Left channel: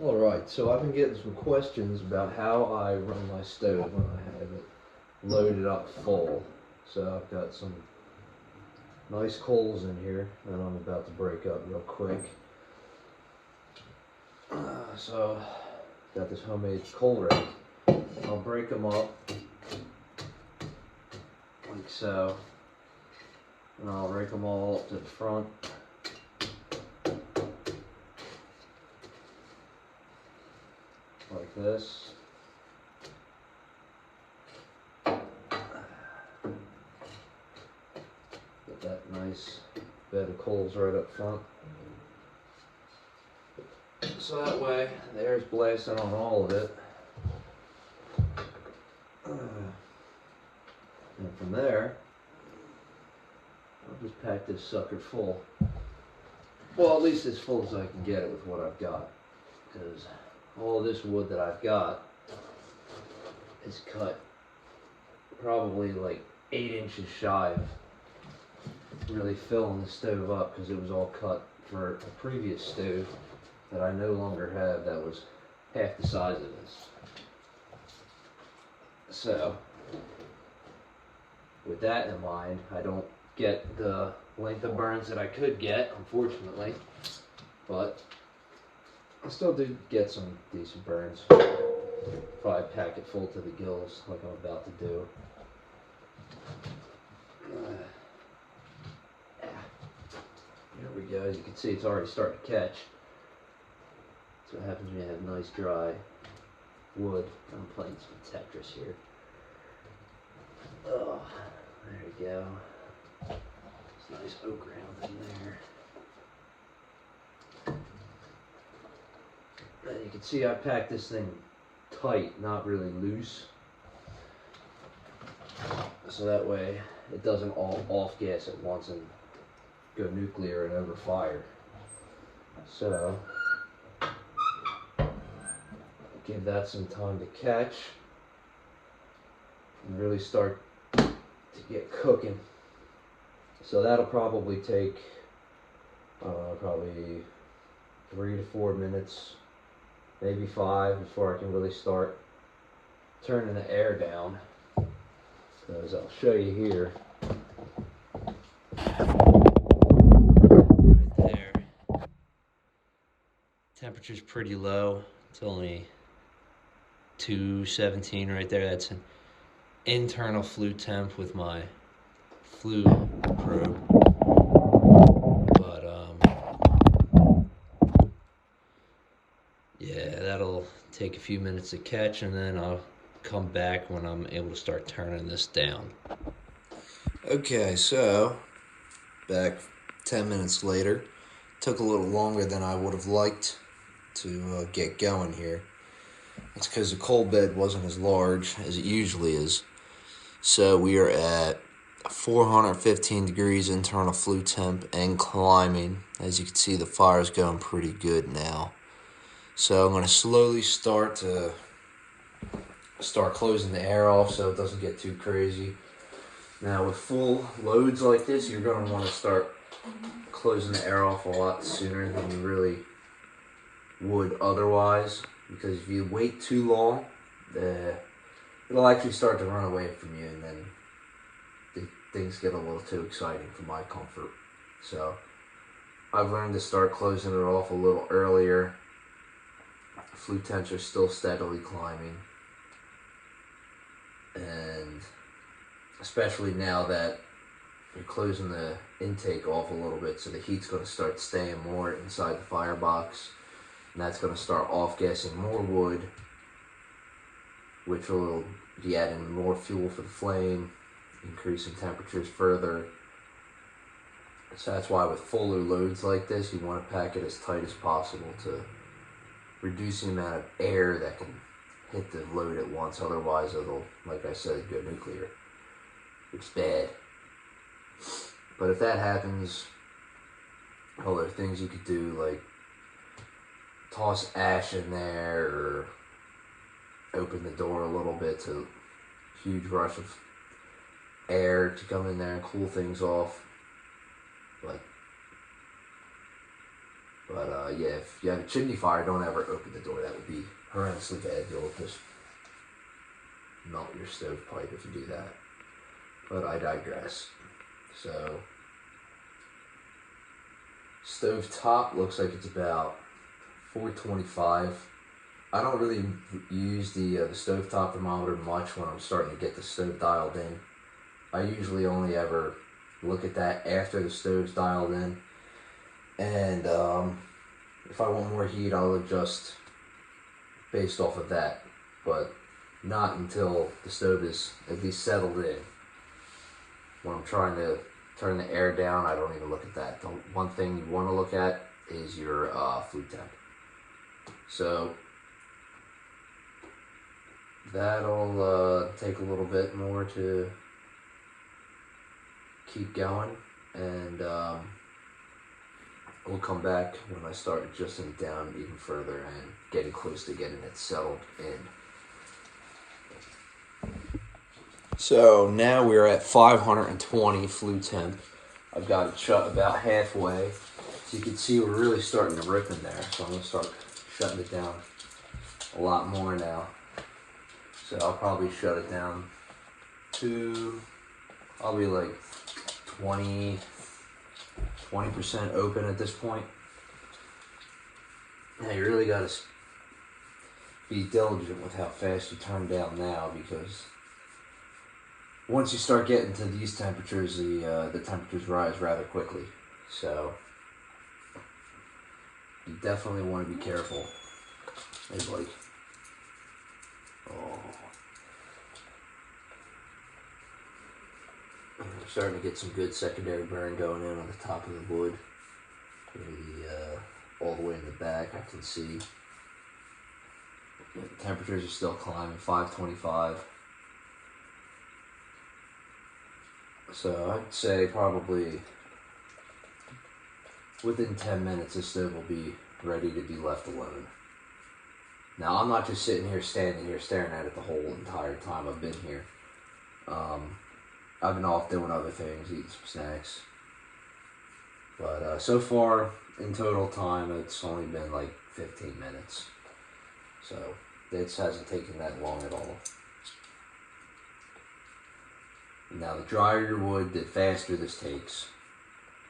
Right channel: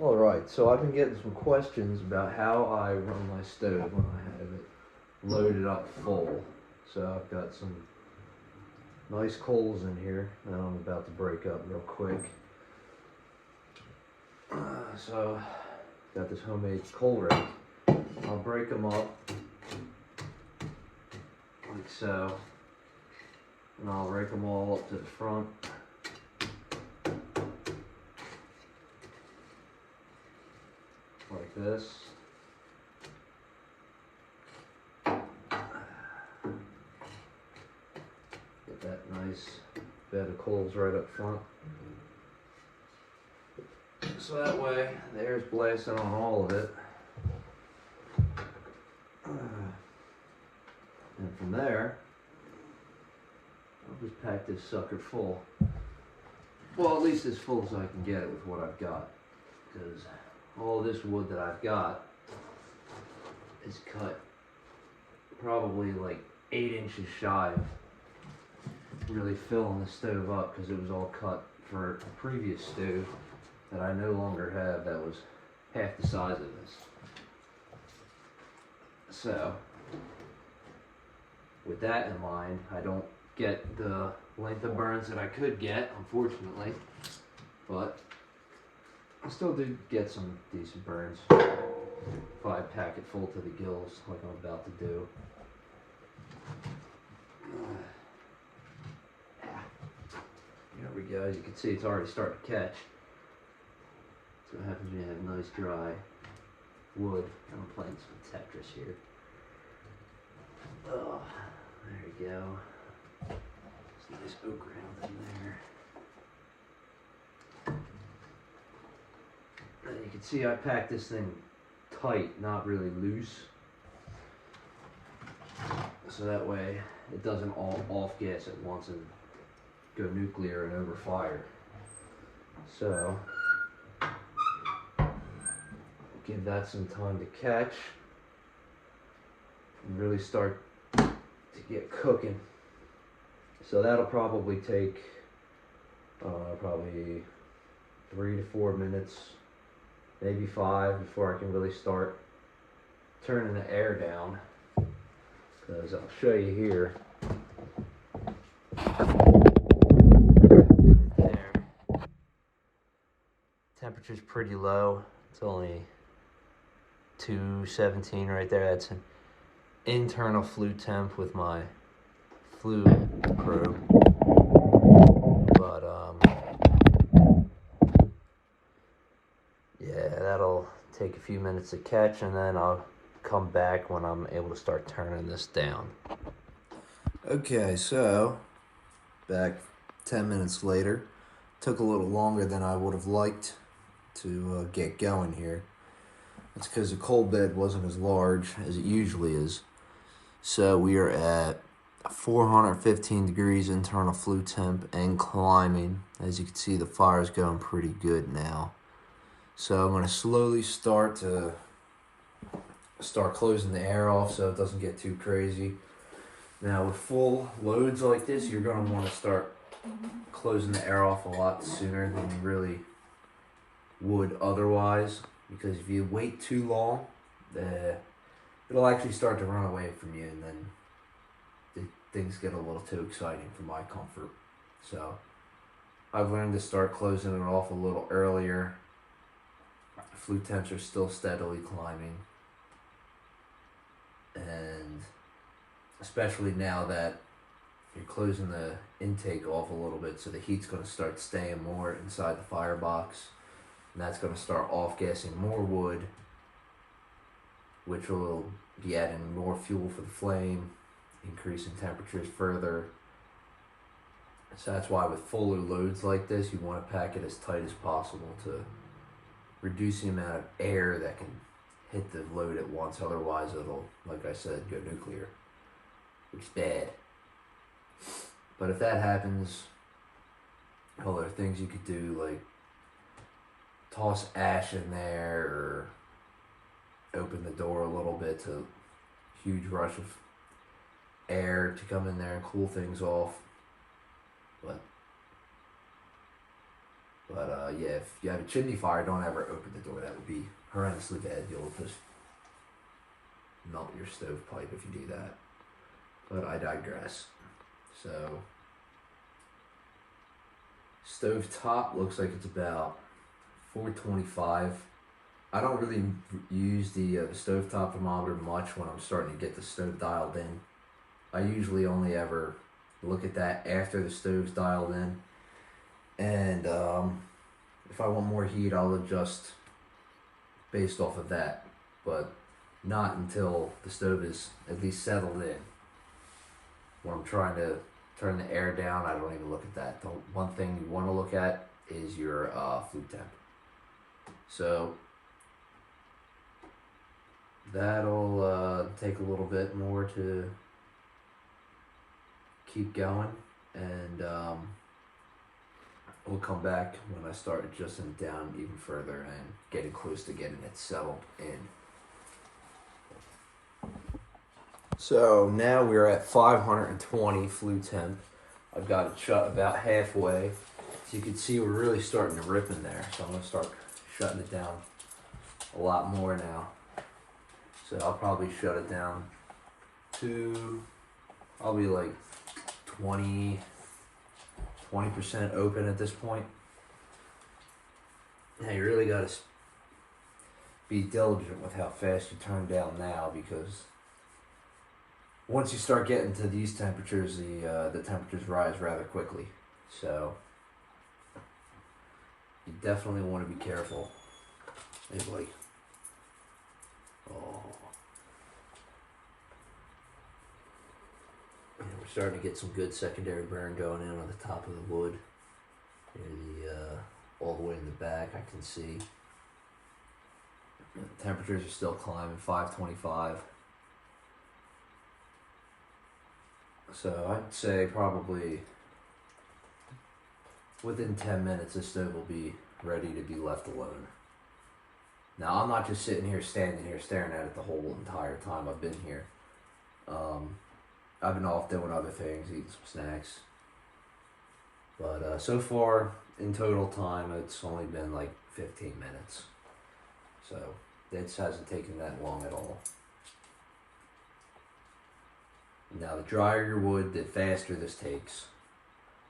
Alright, so I've been getting some questions about how I run my stove when I have it loaded up full. So I've got some nice coals in here that I'm about to break up real quick. So got this homemade coal rake. I'll break them up like so, and I'll rake them all up to the front. Like this. Get that nice bed of coals right up front. So that way the air's blasting on all of it. And from there, I'll just pack this sucker full. Well, at least as full as I can get it with what I've got. Because all this wood that I've got is cut probably like 8 inches shy of really filling the stove up, because it was all cut for a previous stove that I no longer have that was half the size of this. So with that in mind, I don't get the length of burns that I could get, unfortunately, but I still do get some decent burns if I pack it full to the gills like I'm about to do. There we go. As you can see, it's already starting to catch. So what happens when you have nice dry wood. I'm playing some Tetris here. Oh, there you go. Some nice oak rounds in there. You can see I packed this thing tight, not really loose. So that way it doesn't all off gas at once and go nuclear and overfire. So give that some time to catch and really start to get cooking. So that'll probably take probably 3 to 4 minutes, maybe 5, before I can really start turning the air down. Because I'll show you here. Right there. Temperature's pretty low. It's only 217 right there. That's an internal flue temp with my flue probe. But yeah, that'll take a few minutes to catch, and then I'll come back when I'm able to start turning this down. Okay, so back 10 minutes later. Took a little longer than I would have liked to get going here. That's because the coal bed wasn't as large as it usually is. So we are at 415 degrees internal flue temp and climbing. As you can see, the fire's going pretty good now. So I'm going to slowly start closing the air off so it doesn't get too crazy. Now with full loads like this, you're going to want to start closing the air off a lot sooner than you really would otherwise, because if you wait too long, it'll actually start to run away from you, and then things get a little too exciting for my comfort. So I've learned to start closing it off a little earlier. Flue temps are still steadily climbing, and especially now that you're closing the intake off a little bit, so the heat's going to start staying more inside the firebox, and that's going to start off-gassing more wood, which will be adding more fuel for the flame, increasing temperatures further. So that's why with fuller loads like this, you want to pack it as tight as possible to reduce the amount of air that can hit the load at once. Otherwise it'll, like I said, go nuclear, which is bad. But if that happens, well, there are things you could do, like toss ash in there, or open the door a little bit to a huge rush of air to come in there and cool things off. But But yeah, if you have a chimney fire, don't ever open the door. That would be horrendously bad. You'll just melt your stovepipe if you do that. But I digress. So, stove top looks like it's about 425. I don't really use the stovetop thermometer much when I'm starting to get the stove dialed in. I usually only ever look at that after the stove's dialed in. And if I want more heat, I'll adjust based off of that. But not until the stove is at least settled in. When I'm trying to turn the air down, I don't even look at that. The one thing you want to look at is your flue temp. So that'll take a little bit more to keep going, and we'll come back when I start adjusting it down even further and getting close to getting it settled in. So now we're at 520 flue temp. I've got it shut about halfway. As you can see, we're really starting to rip in there. So I'm going to start shutting it down a lot more now. So I'll probably shut it down to, I'll be like 20% open at this point. Now you really got to be diligent with how fast you turn down now, because once you start getting to these temperatures, the temperatures rise rather quickly. So you definitely want to be careful. Hey, buddy. Oh. And we're starting to get some good secondary burn going in on the top of the wood. All the way in the back, I can see. The temperatures are still climbing, 525. So I'd say probably within 10 minutes, this stove will be ready to be left alone. Now, I'm not just sitting here, standing here, staring at it the whole entire time I've been here. I've been off doing other things, eating some snacks. But so far, in total time, it's only been like 15 minutes. So this hasn't taken that long at all. Now, the drier your wood, the faster this takes.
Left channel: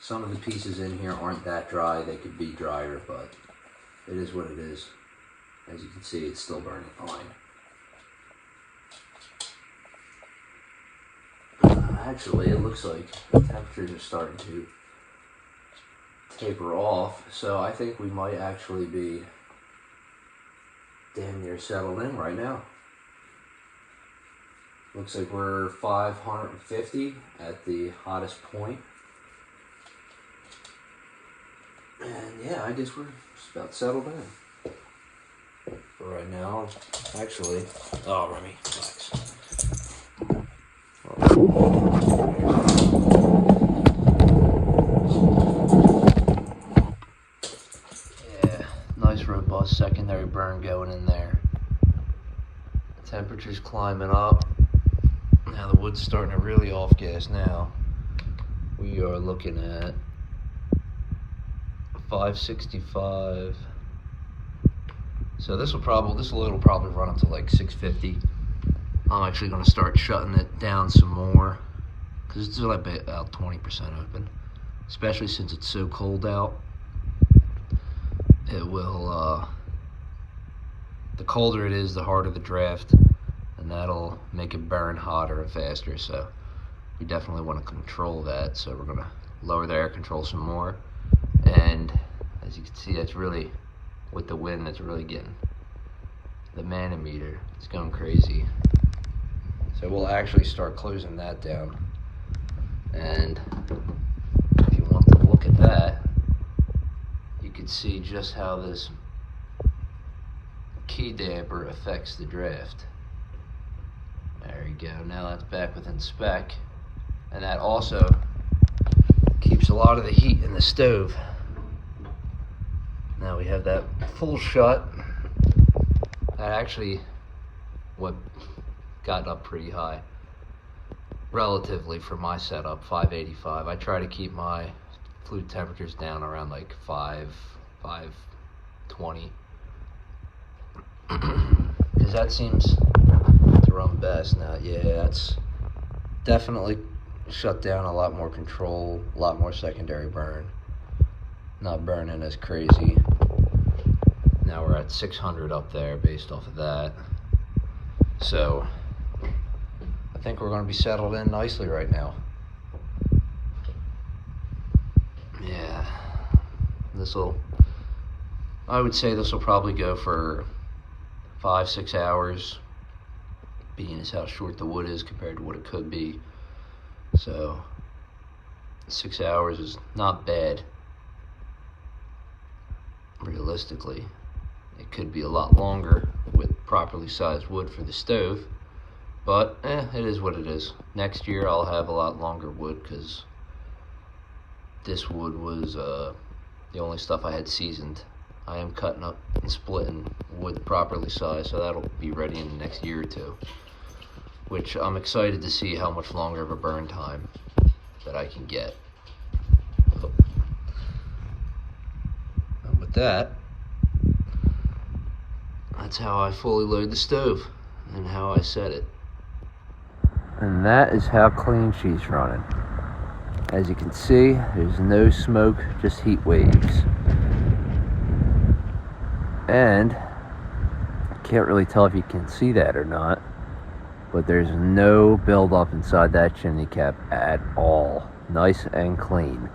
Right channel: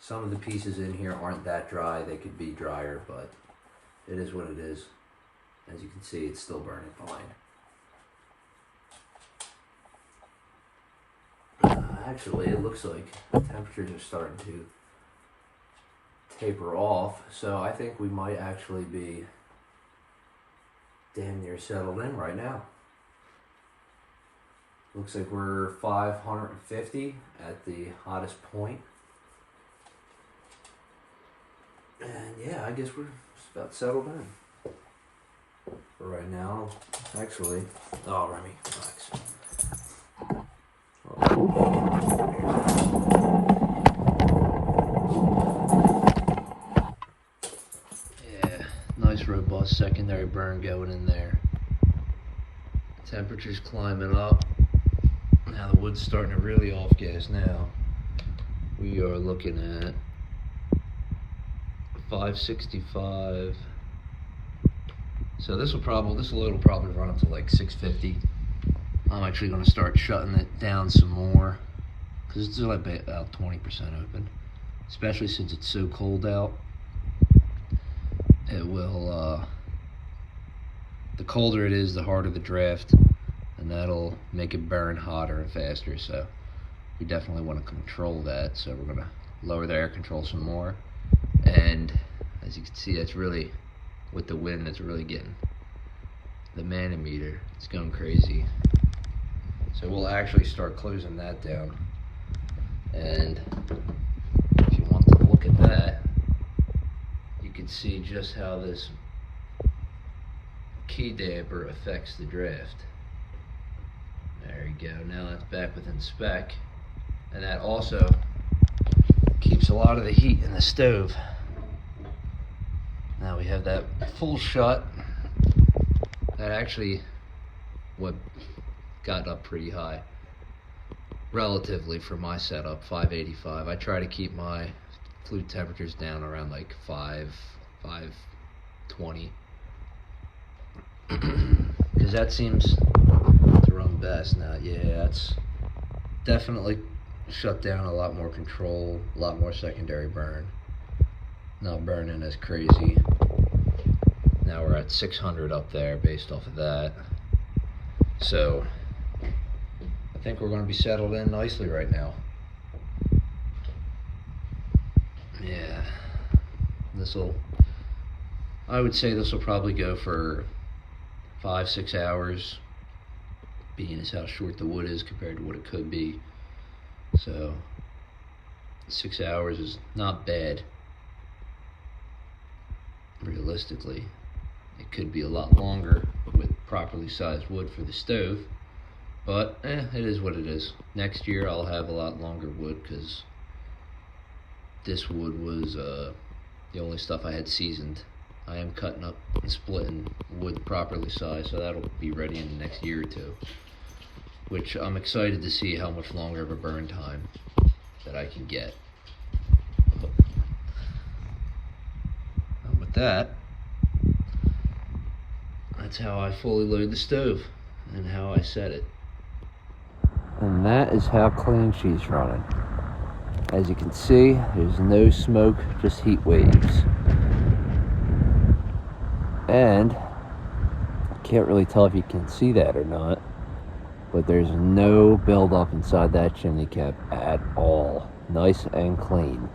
Some of the pieces in here aren't that dry. They could be drier, but it is what it is. As you can see, it's still burning fine. Actually, it looks like the temperatures are starting to taper off, so I think we might actually be damn near settled in right now. Looks like we're 550 at the hottest point. And yeah, I guess we're just about settled in. For right now, actually, oh, Remy, relax. Yeah, nice robust secondary burn going in there. Temperature's climbing up. Now the wood's starting to really off gas now. We are looking at 565. So this load will probably run up to like 650. I'm actually going to start shutting it down some more, because it's like about 20% open, especially since it's so cold out. It will, the colder it is, the harder the draft, and that'll make it burn hotter and faster. So we definitely want to control that. So we're going to lower the air control some more. And as you can see, it's really, with the wind, it's really getting the manometer. It's going crazy. So we'll actually start closing that down. And if you want to look at that, you can see just how this key damper affects the draft. There you go. Now that's back within spec. And that also keeps a lot of the heat in the stove. Now we have that full shut. And actually, what gotten up pretty high, relatively for my setup, 585. I try to keep my flue temperatures down around like 5, 520. Because that seems to run best now. Yeah, it's definitely shut down a lot more control, a lot more secondary burn. Not burning as crazy. Now we're at 600 up there based off of that. So I think we're going to be settled in nicely right now. Yeah, I would say this will probably go for 5-6 hours, being as how short the wood is compared to what it could be. So 6 hours is not bad. Realistically, it could be a lot longer with properly sized wood for the stove, but it is what it is. Next year I'll have a lot longer wood because this wood was the only stuff I had seasoned. I am cutting up and splitting wood properly sized, so that'll be ready in the next year or two, which I'm excited to see how much longer of a burn time that I can get. And with that, that's how I fully load the stove and how I set it. And that is how clean she's running. As you can see, there's no smoke, just heat waves. And I can't really tell if you can see that or not, but there's no buildup inside that chimney cap at all. Nice and clean.